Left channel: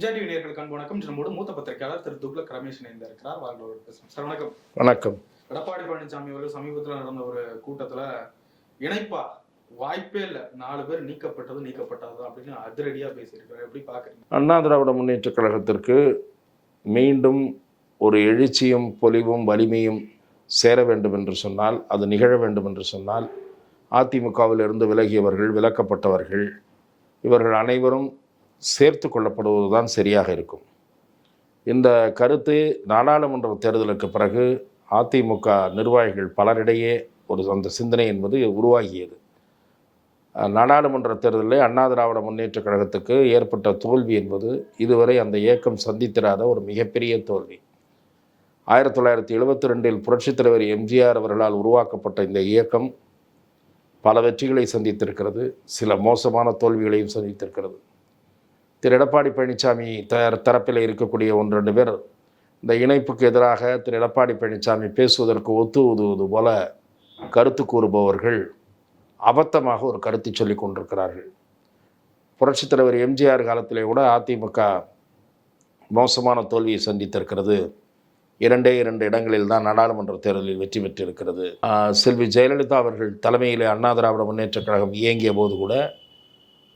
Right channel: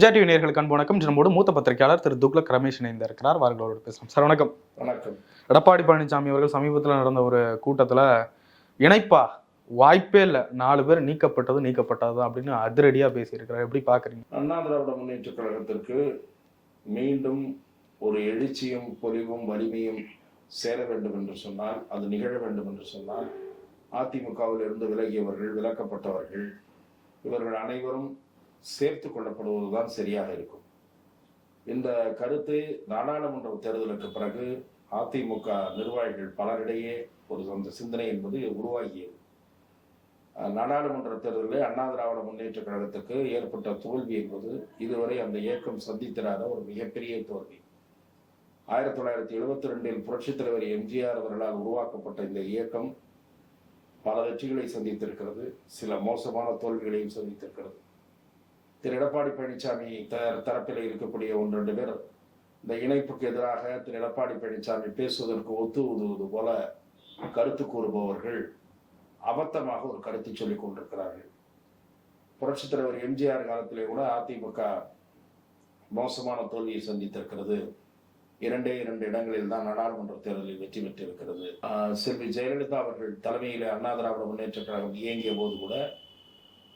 MGR TV நேர்களுக்கு அன்பு வணக்கம். நம்மோடு மூத்த பத்திரிகையாளர் திரு துக்ளக் ரமேஷ் இணைந்து இருக்கிறார். வார்களோடு பேசலாம் சார் வணக்கம். வணக்கம். எடப்பாடி பழனிசாமி அவர்கள் சமீபத்தில் நடந்த ஒரு கூட்டத்தில் இணைப்பா வாய்ப்பே இல்லை. நாலு பேர் நீக்கப்பட்டது நீக்கப்பட்டது அப்படின்னு அதிரடியாக பேசியிருக்கிறார். எப்படி பார்க்குறீங்க அண்ணா திராவிட முன்னேற்றக் கழகத்திற்கு மீண்டும் ஒரு எழுச்சியும் பொலிவும் வலிமையும் சேர வேண்டும் என்று சொன்னால் அது நிகழ வேண்டும் என்று சொன்னால் அதிமுகவிலிருந்து விலகியவர்கள் விலக்கப்பட்டவர்கள் இவர்கள் அனைவரும் சேர்த்து கொள்ளப்படுவதுதான் சரியாக இருக்கும். இந்த கருத்து நாடாளுமன்ற தேர்தலுக்கு பிறகு அதிமுக நிர்வாகிகள் பலரிடையே ஒரு அந்த சிந்தனை என்பது உருவாகியது. நாடாளுமன்ற தேர்தலில் அண்ணா திராவிட முன்னேற்றக் கழகத்துக்கு ஏற்பட்ட தோல்வி என்பது இதுவரை அந்த இயக்கம் சந்தித்திராத ஒரு மிகப்பெரிய தோல்வி. ஆயிரத்தி தொள்ளாயிரத்தி எழுபத்தி ரெண்டில் புரட்சித் தலைவர் எம்ஜிஆர் அவர்களால் உருவாக்கப்பட்ட இந்த இயக்கம் பல வெற்றிகளை சந்தித்திருக்கிறது சில மோசமான தோல்விகளையும் சந்தித்திருக்கிறது. திரு எடப்பாடி பழனிசாமி தயார் தரப்பில் இருக்கக்கூடிய ஒன்று ரெண்டு பேர் இந்த இணைப்புக்கு எதிராக திரு எடப்பாடி பழனிசாமி பேசுவதற்கு ஒத்து உதுவது போல கருத்து கூறுபவர்கள் அபத்தமாக ஒரு கருத்தை சொல்லிக் கொண்டிருக்கிறார்கள். புரட்சித் தலைவர் எம்ஜிஆர் காலத்திலே கூட அதிமுக மோசமான தோல்வியை சந்தித்திருக்கிறது. இரண்டே இரண்டு இடங்களில் தான் நாடாளுமன்ற தேர்தலில் வெற்றி பெற்றிருக்கிறது. செல்வி ஜெயலலிதா அவர்கள் தலைமையிலே அண்ணா திராவிட முன்னேற்றக் கழகம் இயங்கிய போது கூட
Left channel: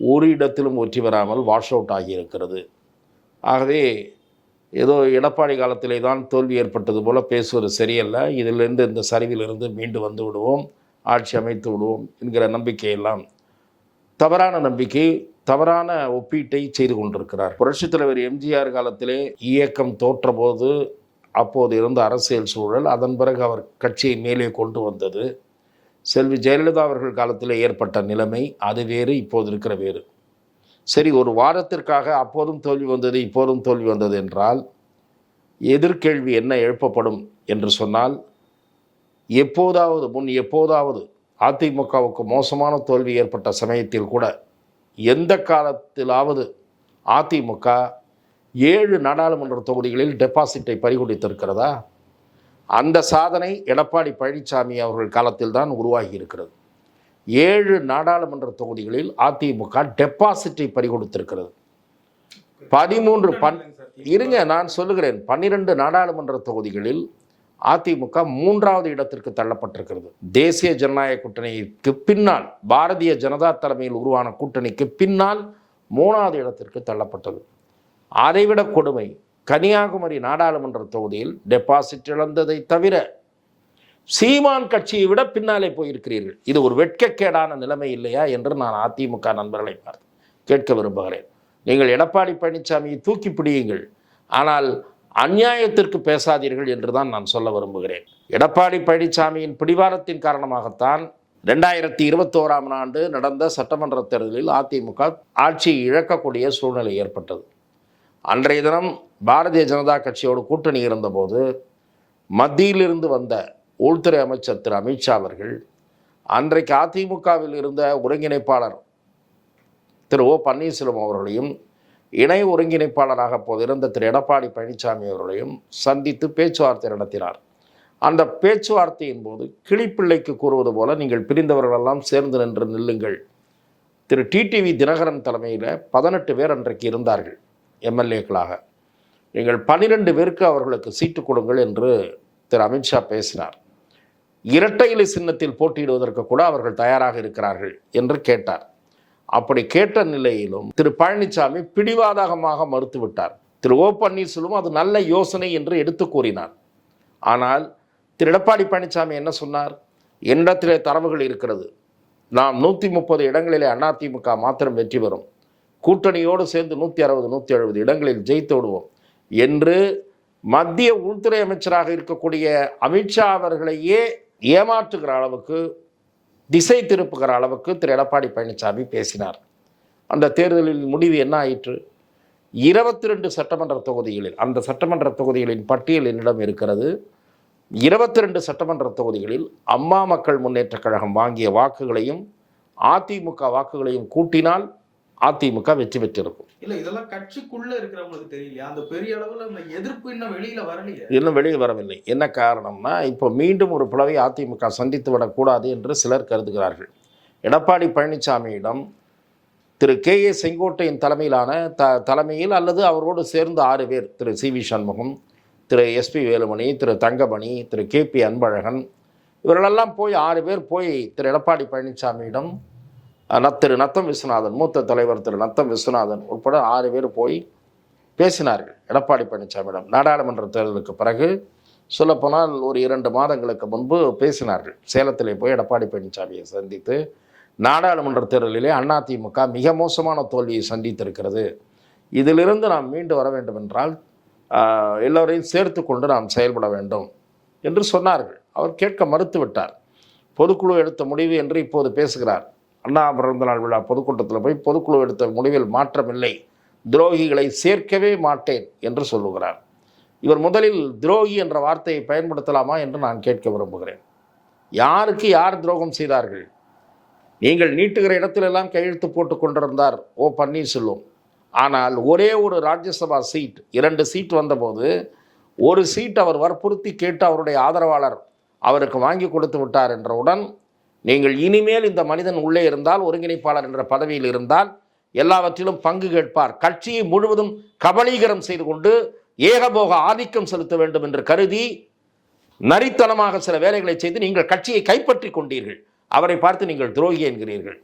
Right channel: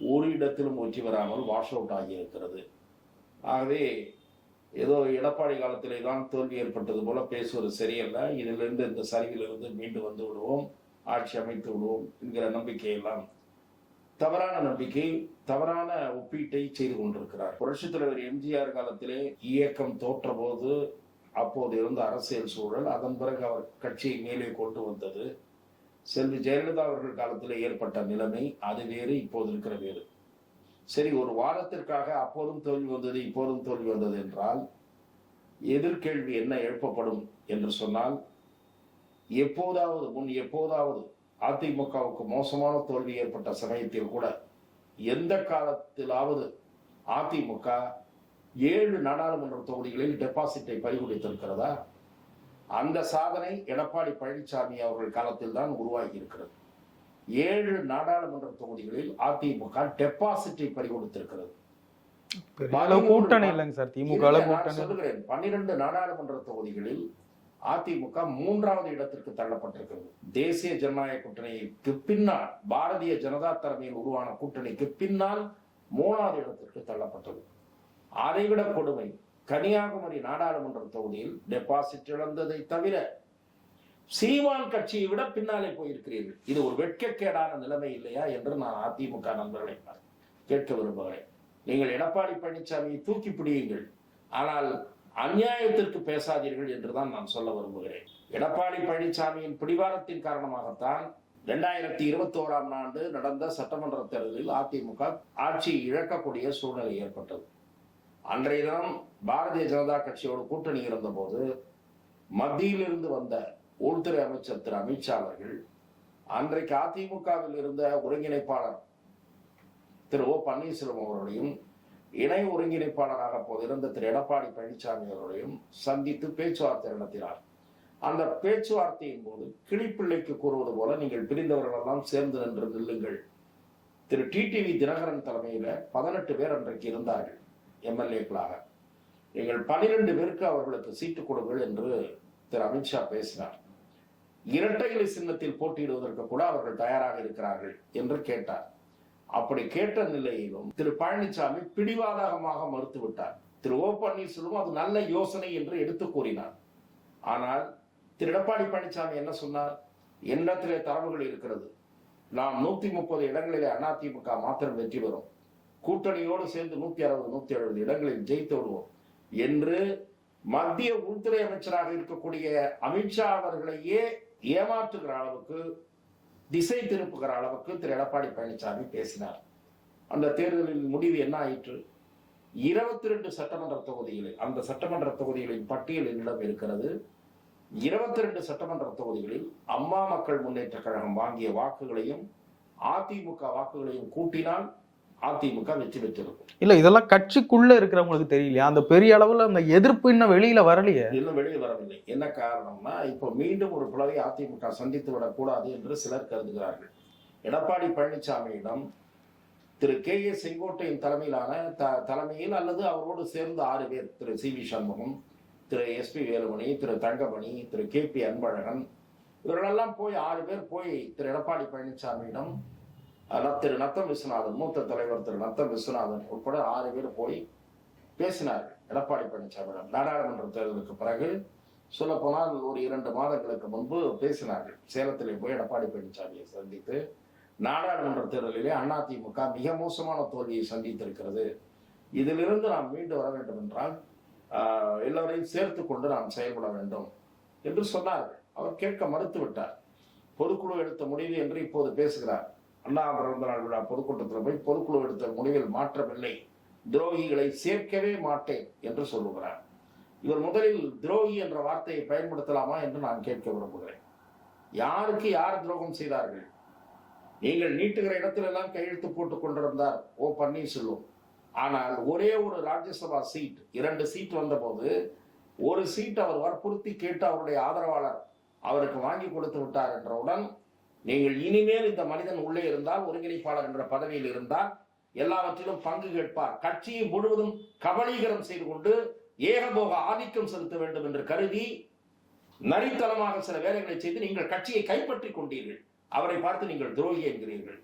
ஒரு இடத்திலும் வெற்றி பெறாமல் வாஷ் அவுட் ஆகியிருக்கிறது. ஆகவே ஏதோ எடப்பாடி காலத்திலே தான் தோல்வி ஏற்பட்டது போல பேசுவது சரியல்ல. இதிலிருந்து இந்த சரிவிலிருந்து மீண்டு வந்து விடுவோம். ஆட்சி அமைத்து விடுவோம் என்கிற நம்பிக்கையெல்லாம் தவறான நம்பிக்கை தவறான ஒப்பீட்டை செய்து கொண்டிருக்கிறார். புரட்சித் தலைவர் எம்ஜிஆர் காலத்திலே இயக்கம் தோற்றபோது அப்போது இருந்த அரசியல் சூழல் அதன் பிறகு அவர் கட்சியை மேலே கொண்டு வந்தது. செல்வி ஜெயலலிதா அவர்கள் காலத்தில் ஏற்பட்ட நிலைமை அது வேறு இப்போது இருக்கிற வேறு. சரி ஒரு வாரத்திற்காக அப்போதும் தோல்வி வந்தது இப்போதும் தோல்வி வந்தது என்றால் எதிர்கேள்வி என்ன எழுப்பப்படும் என்று சொன்னால் எப்போதாவது முன் எப்போதாவது அதிமுகவுக்கு மோசமான தோல்வி ஏற்பட்ட சமயத்தில் கூட எந்த காலத்திலாவது அதிமுக ஏழு நாடாளுமன்ற தொகுதிகளில் டெபாசிட்டை பறிகொடுத்திருக்கிறதா? அந்த சாதனை எடப்பாடி பழனிசாமி அவர்கள் காலத்தில் தான் உருவாகி இருக்கிறது ஏழு நாடாளுமன்ற தொகுதிகளில் அதிமுக டெபாசிட்டை பறிகொடுத்திருக்கிறது. பதிமூன்று இருங்க நான். சொல்லுகிறேன். பன்னிரண்டு நாடாளுமன்ற தொகுதிகளில் அதிமுக மூன்றாவது இடத்திற்கு தள்ளப்பட்டிருக்கிறது. தேசிய ஜனநாயக கூட்டணிக்கு பின்னால் பாரதிய ஜனதா தலைமையில் உருவான கூட்டணிக்கு பின்னால் மூணாவது இடத்திற்கு தள்ளப்பட்டது. அதைவிட கொடுமை கன்னியாகுமரி நாடாளுமன்ற தொகுதியில் டெபாசிட் இழந்ததை தவிர சீமான் கட்சியை விட பின்னாலே போயிருக்கிறீர்கள். இது ஒரு வெட்கக்கேடான நிலைமை இல்லையா என்று நான் அதிமுக நண்பர்களை பார்த்து கேட்க விரும்புகிறேன். நீங்கள் எடப்பாடி பழனிசாமியை தூக்கி பிடியுங்கள். ஆனால் அந்நியாயத்திற்கு பேசாதீர்கள் என்று தான் நான் சொல்ல விரும்புகிறேன். எடப்பாடி பழனிசாமியின் பிடிவாரத்தின் காரணமாகத்தான் ரெண்டாயிரத்தி இருபத்தோராம் ஆண்டு நடந்த சட்டமன்ற தேர்தலில் அதிமுக ஆட்சியை இழக்கக்கூடிய சூழ்நிலை ஏற்பட்டது. அன்றைய தினம் பாரதிய ஜனதா கட்சியோடு கூட்டணி இருந்தபோது மத்தியிலிருந்து வந்த உள்துறை அமைச்சர் திரு அமித்ஷா அவர்கள் அன்றைக்கு அதிமுகவில் இருந்த ஒருங்கிணைப்பாளர் திரு ஓ பன்னீர்செல்வம் அவர்களையும் இணை ஒருங்கிணைப்பாளராக அப்போது இருந்த திரு எடப்பாடி பழனிசாமி அவர்களையும் சந்தித்து பேச்சுவார்த்தை நடத்தினார். அந்த பேச்சுவார்த்தையின் போது கிளிப்பிள்ளைக்கு கூறுவது போல நீங்கள் பிரிந்தவர்களெல்லாம் சேர்ந்து நின்று நில்லுங்கள். திரு டிடிவி தினகரன் தலைமையில் பதினெட்டு பேர் அன்றைக்கு இருந்தார்கள். எம்எல்ஏக்களாக. நீங்கள் பன்னிரெண்டு பேருக்கு அவர்களுக்கு சீட்டு கொடுங்கள் என்று திரு அமித்ஷா பேசினார். இரட்டை இலை சின்னத்தில் போட்டியிடுவதற்கு கூட அவர்கள் தயாராக இருக்கிறார்கள் என்று கேட்டார். அப்படி கேட்ட நிலையிலும் திரு பழனிசாமி பிடிவாதகமாக மறுத்துவிட்டார். திரு ஓ பன்னீர்செல்வம் அது நல்ல யோசனை என்று எடுத்து கூறினார். ஆனால் திரு எடப்பாடி பழனிசாமி என்ன சொன்னார்? என்னிடத்திலே தரவுகள் இருக்கிறது. நாம் நூற்றி முப்பது இடங்களிலே அதிமுக மாத்திரம் வெற்றி பெறும். கூட்டணியோடு சேர்ந்து நூற்றி அறுபது நூற்றி எழுபது இடங்களில் ஜெயித்து விடுவோம் என்று மத்திய உள்துறை அமைச்சராக இருக்கக்கூடிய அமித்ஷா அவர்களையே ஏமாற்றுகிற அளவுக்கு திசை திருப்புகிற அளவுக்கு திரு. எடப்பாடி பழனிசாமி பேசினார். அந்த தேர்தலில் முடிவு என்ன ஆயிற்று? இருபத்தி ரெண்டு சட்டமன்ற தொகுதிகளில் அந்த சட்டமன்ற தொகுதிகளின் பட்டியல் என்னிடம் இருக்கிறது. இருபத்தி ரெண்டு சட்டமன்ற தொகுதிகளில் அம்மா மக்கள் முன்னேற்றக் கழகம் வாங்கிய வாக்குகளையும் அதிமுக வாக்குகளையும் கூட்டினால் அதிமுக வெற்றி பெற்றிருக்கும். இல்ல இதெல்லாம் கட்சிக்குள்ள இருக்கிறவங்களுக்கு தெரியலையா? அந்த பெரிய அளவுல அந்த எதிர்ப்பு இன்னும் வெளியில வரலையே? இன்னும் வெளியே வரவில்லை. என்ன காரணம்னா இப்போ மீண்டும் ஒரு பிளவை அதிமுக சந்தித்து விடக்கூடாது என்று சிலர் கருதுகிறார்கள். எடப்பாடி பழனிசாமியிடம் திரு கே ஏ செங்கோட்டையின் தலைமையிலான த தலைமையில் அல்லது அவரோடு சேர்ந்து ஆறு பேர் Thiru C V Shanmugam Thiru SP Velumani Thiru Thangamani Thiru K P Anbazhagan இவர்களெல்லாம் போய் ஆறு பேர் போய் திரு எடப்பாடி பழனிசாமியிடம் திரு நத்தம் விஸ்வநாதன் மூத்த தலைவர் திரு நத்தம் விஸ்வநாதன் உட்பட ஆறு பேர் போய் பேசினார்கள். எடப்பாடி பழனிசாமியிடம். நாடாளுமன்ற தேர்தலுக்கு பிறகு சொல்லப்போனால் ஒரு இரண்டு மாதங்களுக்கு முன்பு பேசினார்கள். சேலத்திலே போய் எடப்பாடி பழனிசாமியை சந்தித்து நாடாளுமன்ற தேர்தலிலே அதிமுக மிக மோசமான தோல்வியை சந்தித்திருக்கிறது. இதிலிருந்து நாம் மீண்டு வர வேண்டும் என்றால் எல்லோரையும் சேர்த்து கொண்டு நாம் செயல்பட வேண்டும் என்று சொன்னார்கள். அவர் கேட்க மறுத்து விட்டார் பொதுக்குழு எடுத்த முடிவு என்று இப்போது பேசுகிறார். அண்ணா பிறந்த நாள் விழா பொதுக்கூட்டத்தில் போய் பொதுக்குழு எடுத்த முடிவில் மாற்றமில்லை. துரோகிகளை சேர்க்கவே மாட்டேன் என்று சொல்லுகிறார். இவர் முதலில் துரோகி என்ற வார்த்தையை பயன்படுத்தலாமா என்று நான் கேட்க விரும்புகிறேன். யாருக்கு யார் துரோகம் செய்தார்கள்? நீங்கள் நீட்டுகிற இடத்திலெல்லாம் கையெழுத்து போட்டு கொண்டிருந்தார் ஓ பன்னீர்செல்வம். ஆனால் ஒரே ஒரு ராஜ்யசபா சீட் இரண்டு சீட் வந்தபோது ஒரு சீட் அவர் வற்புறுத்தி கேட்டு அவருடைய ஆதரவாளர் அவருக்கு வாங்கி கொடுத்து விட்டார் என்றவுடன் நீங்கள் இனிமேல் இந்த மனிதன் உள்ளே இருந்தால் ஒருங்கிணைப்பாளர் என்ற பதவியில் இருந்தால் எல்லாவற்றிலும் பங்கு கேட்பார். கட்சியை முழுவதும் கபலீகரம் செய்து கொண்டு ஏகபோக ஆதிக்கம் செலுத்த வேண்டும் என்று கருதி நரித்தனமாக சில வேலைகளை செய்து நீங்கள் கட்சியை கைப்பற்றி கொண்டீர்கள். அவரை பார்த்து நீங்கள் துரோகி என்கிறீர்கள்.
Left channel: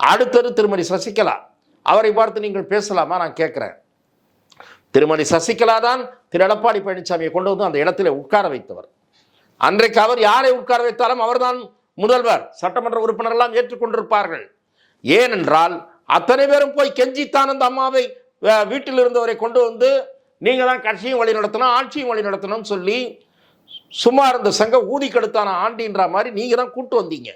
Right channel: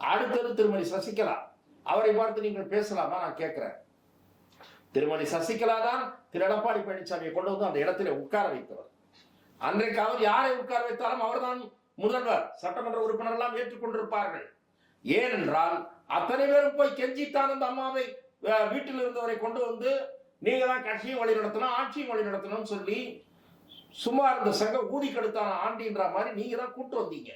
அடுத்தது திருமதி சசிகலா. அவரை பார்த்து நீங்கள் பேசலாமா? நான் கேட்குறேன். திருமதி சசிகலா தான் திரு எடப்பாடி பழனிசாமியை கொண்டு வந்து அந்த இடத்துல உட்கார வைத்தவர். அன்றைக்கு அவர் யாரை உட்கார வைத்தாலும் அவர்தான் முதல்வர் சட்டமன்ற உறுப்பினர் எல்லாம் ஏற்றுக்கொண்டிருப்பார்கள். ஏனென்றால் அத்தனை பேரும் போய் கெஞ்சித்தான் அந்த அம்மாவை வீட்டில் இருந்தவரை கொண்டு வந்து நீங்க தான் கட்சியும் வழி நடத்தணும் ஆட்சியும் வழி நடத்தணும்னு சொல்லி சும்மா இருந்த சங்க ஊதி கெடுத்தான ஆண்டின்ற மாதிரி நீங்க தான் கூட்டு வந்தீங்க.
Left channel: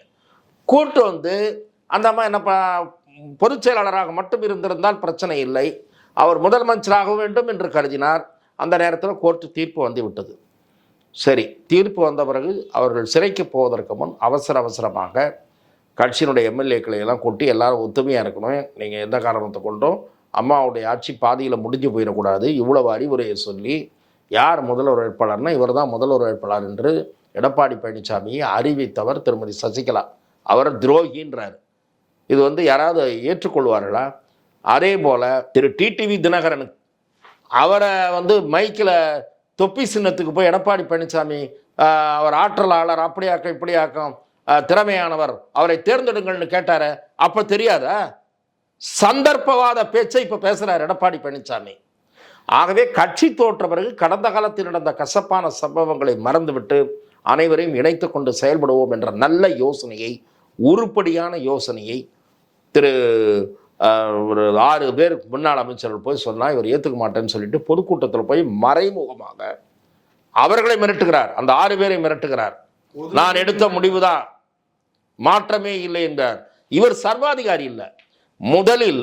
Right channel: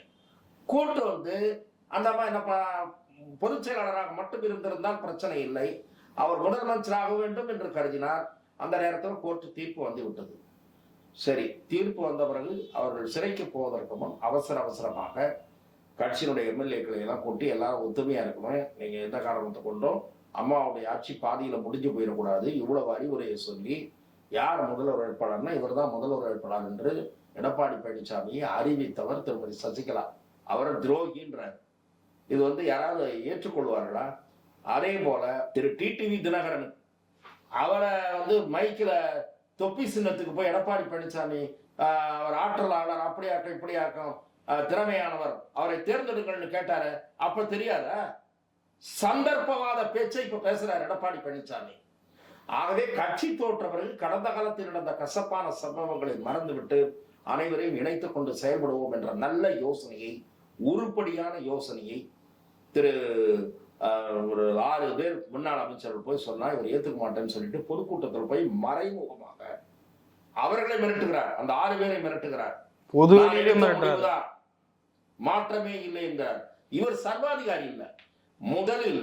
கூட்டு வந்து அந்த அம்மா என்ன ப- பொதுச் செயலாளராக மட்டும் இருந்திருந்தால் பிரச்சனை இல்லை. அவர் முதலமைச்சராக வேண்டும் என்று கருதினார். அந்த நேரத்தில் கோர்ட்டு தீர்ப்பு வந்து விட்டது. சரி தீர்ப்பு வந்த பிறகு அவர்கள் சிறைக்கு போவதற்கு முன் அவசர அவசரமாக கட்சியினுடைய எம்எல்ஏக்களை எல்லாம் கூட்டி எல்லாரும் ஒத்துமையாக இருக்கணும். நீங்கள் எந்த காரணத்தை கொண்டும் அம்மாவுடைய ஆட்சி பாதியில் முடிஞ்சு போயிடக்கூடாது. இவ்வளவு அறிவுரையை சொல்லி யார் முதல்வர் வேட்பாளர்னா இவர் தான் முதல்வர் வேட்பாளர் என்று எடப்பாடி பழனிசாமியை அறிவித்தவர் திருமதி சசிகலா. அவர் துரோகின்றார். இது வந்து யாராவது ஏற்றுக்கொள்வார்களா? அதே போல் திரு டிடிவி தினகரன் அவரை வந்து மைக்கில் தொப்பி சின்னத்துக்கு போய் எடப்பாடி பழனிசாமி அவர் ஆற்றலாளர் அப்படியாக்கம் இப்படியாக்கம் திறமையானவர் அவரை தேர்ந்தெடுங்கள்னு கேட்டாரு அப்ப தெரியாதா? சந்தர்ப்பவாத பேச்சை இப்ப பேசுறாரு எடப்பாடி பழனிசாமி. ஆகவே கட்சி தோற்ற பிறகு கடந்த காலத்தில் நடந்த கசப்பான சம்பவங்களை மறந்துவிட்டு அனைவரையும் இணைத்து கொண்டு செயல்படுவோம் என்ற நல்ல யோசனையை உருப்படியான யோசனையை திரு ஒரு ஆறு பேர் முன்னாள் அமைச்சர்கள் போய் சொன்னா இவர் ஏத்துக்க மாட்டேன்னு சொல்லிட்டு பொதுக்கூட்டத்தில் போய் மறைமுகமாக அவர்களை மிரட்டுகிறார். அந்த ஆறு பேரை மிரட்டுகிறார். நான் எடுத்த முடிவுதான். மாற்றமே இல்லை என்றார். இவர் சர்வாதிகாரி இல்லை. முதலில்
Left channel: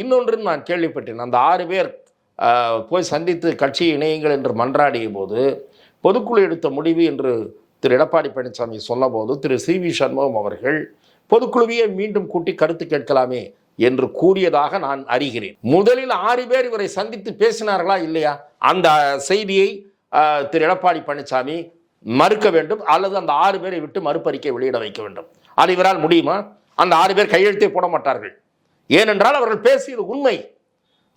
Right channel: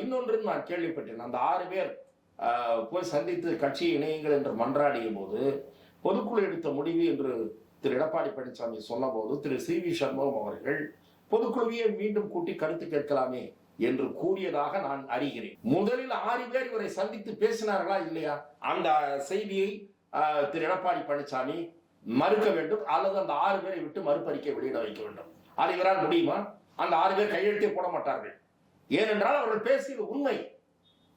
இன்னொன்று நான் கேள்விப்பட்டேன். அந்த ஆறு பேர் போய் சந்தித்து கட்சி இணையுங்கள் என்று மன்றாடிய போது பொதுக்குழு எடுத்த முடிவு என்று திரு. எடப்பாடி பழனிசாமி சொன்னபோது திரு. சி. வி. சண்முகம் அவர்கள் பொதுக்குழுவையே மீண்டும் கூட்டி கருத்து கேட்கலாமே என்று கூறியதாக நான் அறிகிறேன். முதலில் ஆறு பேர் இவரை சந்தித்து பேசினார்களா இல்லையா? அந்த செய்தியை திரு எடப்பாடி பழனிசாமி மறுக்க வேண்டும். அல்லது அந்த ஆறு பேரை விட்டு மறுப்பறிக்கை வெளியிட வைக்க வேண்டும். அது இவரால் முடியுமா? அந்த ஆறு பேர் கையெழுத்தே போட மாட்டார்கள். ஏனென்றால் அவர்கள் பேசியது உண்மை.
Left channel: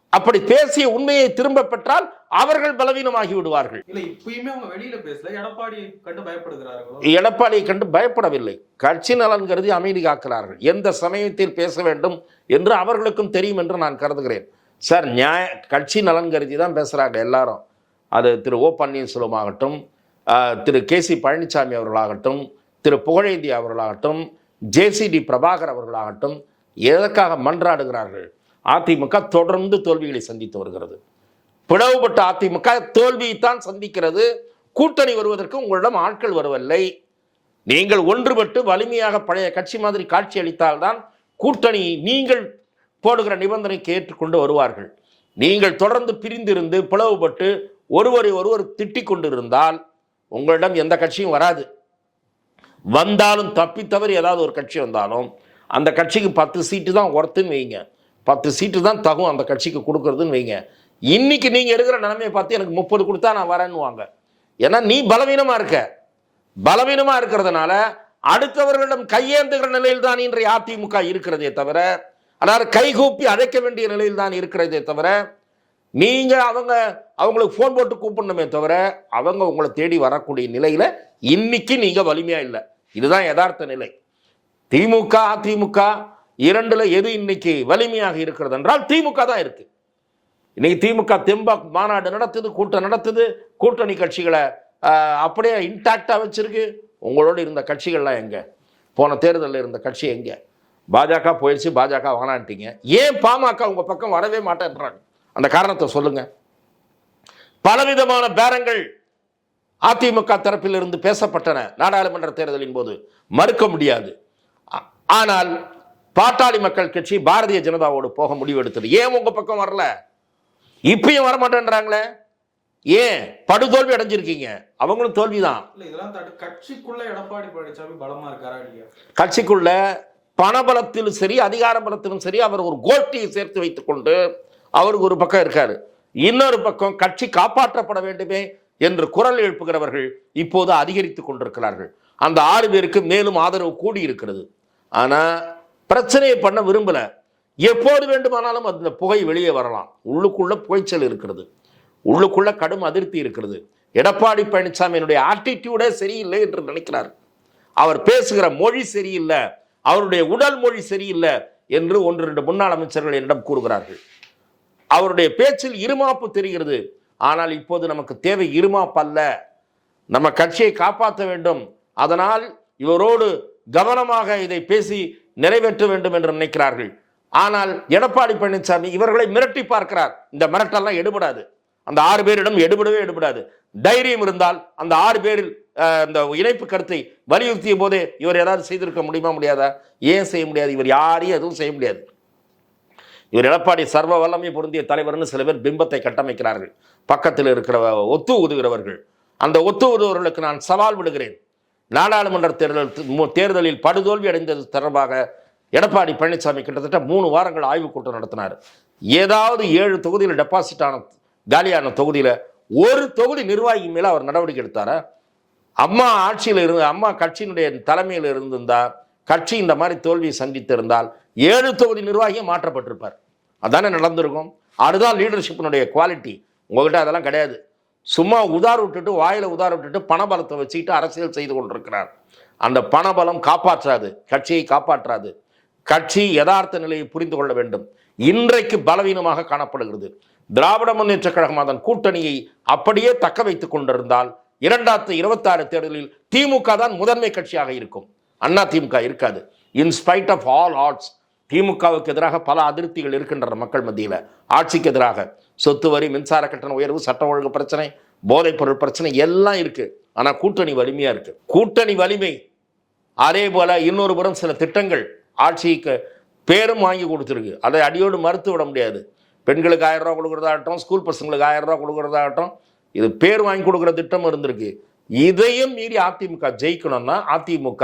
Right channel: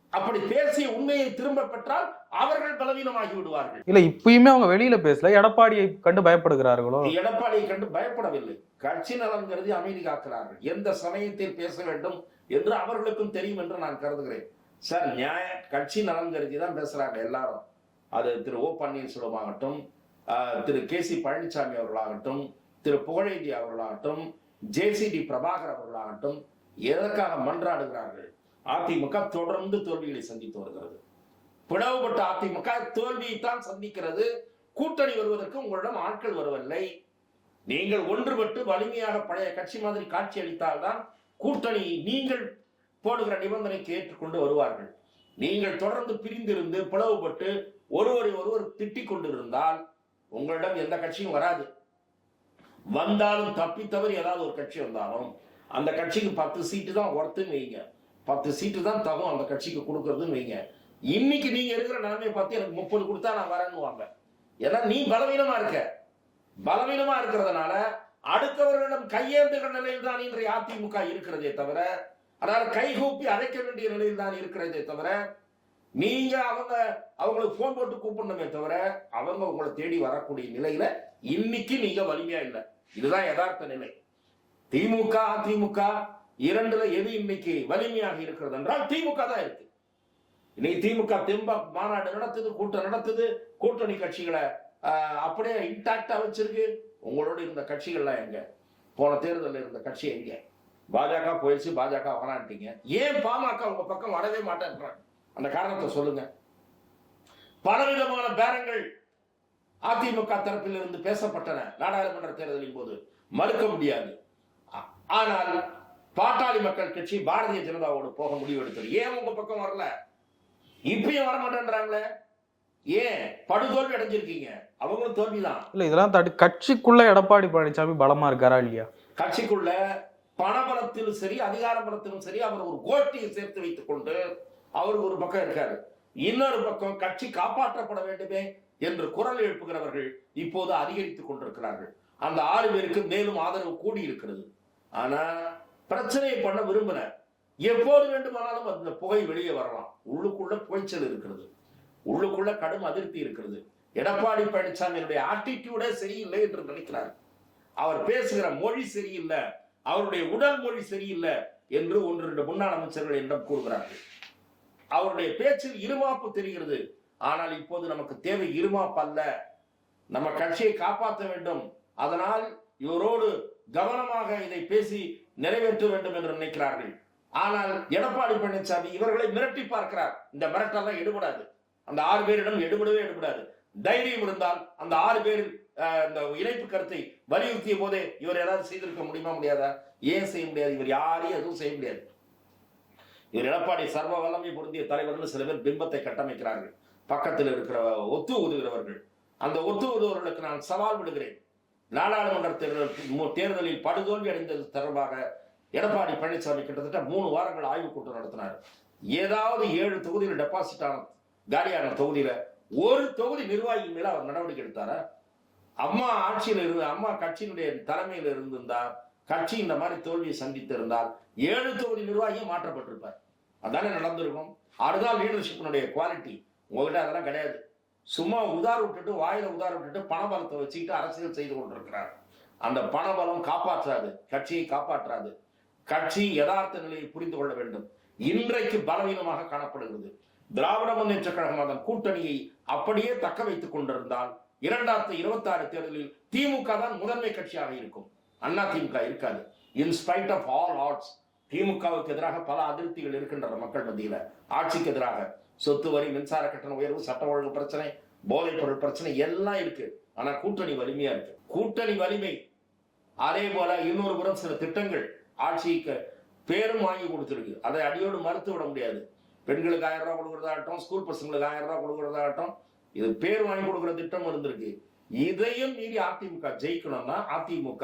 அப்படி பேசிய உண்மையை திரும்ப பெற்றால் அவர்கள் பலவீனமாகி விடுவார்கள். இல்ல இப்பயுமே அவங்க வெளியில பேசல. எடப்பாடியை கண்டு பயப்படுகிறார்களோ? எடப்பாடியை கண்டு பயப்படவில்லை. கட்சி நலன் கருதி அமைதி காக்கிறார்கள். எந்த சமயத்தில் பேச வேண்டும் என்று அவர்களுக்கும் தெரியும் என்று நான் கருதுகிறேன். சார் நியாய கட்சி நலன் கருதி தான் பேசுகிறாங்க எல்லாரும். அது திரு ஓ பன்னீர்செல்வம் ஆகட்டும் திரு கே சி பழனிசாமி அவர்களாகட்டும் திரு புகழேந்தி அவர்களாகட்டும் ஜேசிடி பிரபாகர் அவர்களாகட்டும் எதற்காக மன்றாடுகிறார்கள்? அதிமுக தொடர்ந்து தோல்விகளை சந்தித்து வருகிறது. பிளவுபட்ட அதிமுக தோல்வியைத்தான் சந்திக்கிறது. கூட்டணி வருவதற்கு உங்களிடம் ஆட்கள் வரவில்லை. நீங்கள் ஒன்றுபட்டு வலிமையாக பழைய கட்சி மாதிரி காட்சி அளித்தால்தான் கூட்டணி நீங்கள் போடுகிற நிபந்தனைக்கு ஏற்றுக்கொண்டு வருவார்கள். நீங்கள் தொடர்ந்து பிரிந்திருந்து பிளவுபட்டு ஒருவரை ஒருவர் திட்டிக் கொண்டிருந்தால் உங்களிடம் எந்த கட்சியும் வராது. வந்தாலும் தப்பி தவறி ஏதாவது ஒரு கட்சி வந்தாலும் அந்த கட்சிக்கு பத்து சீட்டு தான் ஒர்த்துன்னு வைங்க. பத்து சீட்டு தான் தகும் அந்த கட்சிக்கு கொடுக்கறதுன்னு வைங்க. இன்னைக்கு நீங்க இருக்கிற நிலைமையை பார்த்து எனக்கு முப்பது கொடுத்தா நான் வரேன்னுவாங்க. ஏன்னா நீ பலவீனமா இருக்க. பலவீனமா இருக்கிறதுனால அடுத்தவர்களிடம் கையேந்துகிற நிலையில் தான் இன்றைய அதிமுக இருக்கிறதே தவிர அதாவது கைகூப்பி அழைக்க வேண்டிய நிலையில் தான் இருக்கிறதே தவிர நீங்க அவங்க அவங்களுக்கு ஃபோன் போட்டு கூப்பிடணுமே தவிர அவங்க உங்களை தேடி வரக்கூடிய நிலையில இன்னைக்கு நீங்க வலிமையா இல்லை. இதுதான் யதார்த்த நிலை. திமுக அதிமுக இரண்டுல எது இன்னைக்கு வலிமையாக இருக்கிறது என்றால் திமுக தான் இருக்கு. இன்னைக்கு திமுக தெம்பா மாநாடு நடத்துது கூட்டம் நடத்துது கூட்டணி கட்சிகளை அப்படியே இன்டாக்டாக வச்சிருக்கு. உங்களோட இருந்த கட்சிகள்லாம் எங்கே? போன தேர்தலில் இருந்த கட்சி எங்கே? பாஜக போயிடுச்சு பாஜக வேணான்ட்டீங்க ஏன் பாமக உங்கள் பக்கம் வரவே மாட்டேன்றாங்க? அந்த காரணத்தை சொல்லுங்க. பலவிதமான பேரங்கள் அதிமுக தரப்பில் இருந்து பேசப்பட்டன. நாடாளுமன்ற தேர்தலின் போது மறுக்க முடியாது. ஆனால் பாட்டாளி மக்கள் கட்சி பாரதிய ஜனதாவோடு போக முடிவெடுத்தது. ஏன் உங்கள் பக்கம் வரல? இப்பயும் வர மாட்டேன்றாங்களே ஏன்? படுதோல்வி அடைஞ்சிருக்கீங்க. அவங்களும் தோல்விதான். இல்ல இதெல்லாம் தாண்டி கட்சிக்குள்ள எடப்பாடி பழனிசாமி பலமா இருக்காரா இல்லையா? கட்சிக்குள்ள பணபலத்திலும் சரி அதிகார பலத்திலும் சரி அவர் ஒரு கோஷ்டியை சேர்த்து வைத்துக் கொண்டு அவருக்கு ஒரு பக்கம் இருக்காரு. இன்னொரு பக்கம் கட்சி காப்பாற்றப்பட வேண்டுமே என்று குரல் எழுப்புகிறவர்கள் இப்போது அதிகரித்துக் கொண்டிருக்கிறார்கள். அந்த ஆறு பேருக்கு மேலும் ஆதரவு கூடி இருக்கிறது ஆனா பிரச்சனையை பண்ண விரும்பல. எப்போது வேண்டுமானாலும் அந்த புகை வெளியே வரலாம். உள்ளுக்குள்ள புகைச்சல் இருக்கிறது. உள்ளுக்குள்ள கடும் அதிருப்தி இருக்கிறது. எடப்பாடி பழனிசாமியினுடைய ஆட்டிடியூடே சரியில்லை என்று நினைக்கிறார். அவர் பேசுகிற மொழி சரியில்லை. அவருடைய உடல் மொழி சரியில்லை என்று ஒன்று ரெண்டு முன்னாள் அமைச்சர்கள் என்னிடம் கூறுகிறார்கள். அவருடைய பேச்சில் இருமாப்பு தெரிகிறது. ஆனால் இப்போது நமக்கு தேவை இருமாப்பு அல்ல. நம்ம கட்சியை காப்பாற்ற வேண்டும். அதனால் இவரோடு கவனமாக இதை பேசி நிறைவேற்ற வேண்டும் என்று நினைக்கிறார்கள். ஆனால் எடப்பாடி பழனிசாமி இவர்களை மிரட்டி பார்க்கிறார். இந்த மிரட்டெல்லாம் எடுபடாது. அந்த ஆறு பேரிடம் எடுபடவே எடுபடாது. தைரியம் இருந்தால் அந்த ஆறு பேரில் இந்த இணைப்பு கருத்தை வலியுறுத்திய போதே இவர் ஏதாவது செய்திருக்க முடியுமா முடியாதா? ஏன் செய்ய முடியாது? இவர் யாரையும் எதுவும் செய்ய முடியாது. இவர் எடப்பாடி சர்வ வல்லமை பொருந்திய தலைவர்னு சில பேர் பிம்பத்தை கட்டமைக்கிறார்கள். பக்கத்தில் இருக்கிற ஒத்து ஊதுகிறவர்கள் அந்த ஒத்து ஊதுகிறவர்களுக்கு நான் சவால் விடுகிறேன். நாடாளுமன்ற தேர்தல் தேர்தலில் படுதோல்வி அடைந்தது தொடர்பாக எடப்பாடி பழனிசாமி கிட்டத்தட்ட மூணு வாரங்கள் ஆய்வுக் கூட்டம் நடத்தினார். ஏதாவது ஏழு தொகுதியில் டெபாசிட் ஆன காலியான தொகுதியில் ஒரு தொகுதி நிர்வாகி மேலே அவர் நடவடிக்கை எடுத்தாரா? அம்மா ஆட்சியில் இருந்து அம்மா கட்சியினுடைய தலைமையில் இருந்திருந்தா கட்சி இந்த மாதிரி தோல்வியை சந்தித்திருந்தால் ஏழு தொகுதி நிர்வாகியும் மாற்றப்பட்டிருப்பார். அதானே நடந்திருக்கும்? அதுதான் லீடர்ஷிப்பினுடைய குவாலிட்டி உங்ககிட்ட அதெல்லாம் கிடையாது. சும்மா உதார் விட்டுட்டு வாயில் உதார் விட்டுட்டு பணபலத்தை வச்சுக்கிட்டு அரசியல் செய்து கொண்டிருக்கிறார். அந்த பணபலம் காப்பாற்றாது. கட்சியை காப்பாற்றாது. கட்சி யதார்த்த நிலையை புரிந்து கொள்ள வேண்டும். இன்றைக்கு பலவீனமாக காணப்படுகிறது. திராவிட முன்னேற்ற கழகம் அதன் கூட்டணியை அப்படியே தக்க வைத்துக் கொண்டிருந்தால் இரண்டாயிரத்தி இருபத்தாறு தேர்தலில் திமுக தான் முதன்மை கட்சியாக இருக்கும். அண்ணா திமுக இருக்காது. In spite of all odds திமுகவுக்கு எதிராக பல அதிருப்திகள் இருக்கின்றன மக்கள் மத்தியில். ஆட்சிக்கு எதிராக சொத்து வரி மின்சார கட்டண உயர்வு சட்ட ஒழுங்கு பிரச்சனை போதைப் பொருள் பிரச்சனை எல்லாம் இருக்கு. ஆனால் கூட்டணி வலிமையாக இருக்கு. கூட்டணி வலிமை அதே போல இன்னொரு புறம் சில திட்டங்கள் ஆட்சிக்கு பேரும் வாங்கி கொடுத்துருக்கு. அதை அடியோடு மறுத்து விட முடியாது. பெண்களுக்கு ஆயிரம் ரூபா கொடுக்குறதாகட்டும் ஸ்கூல் பசங்களுக்கு ஆயிரம் ரூபா கொடுக்குறதாகட்டும் இது பேர் வாங்கி கொடுக்குற திட்டம் இருந்திருக்கு. இதையும் மீறி அதிமுக ஜெயிக்கணும்னா அதிமுக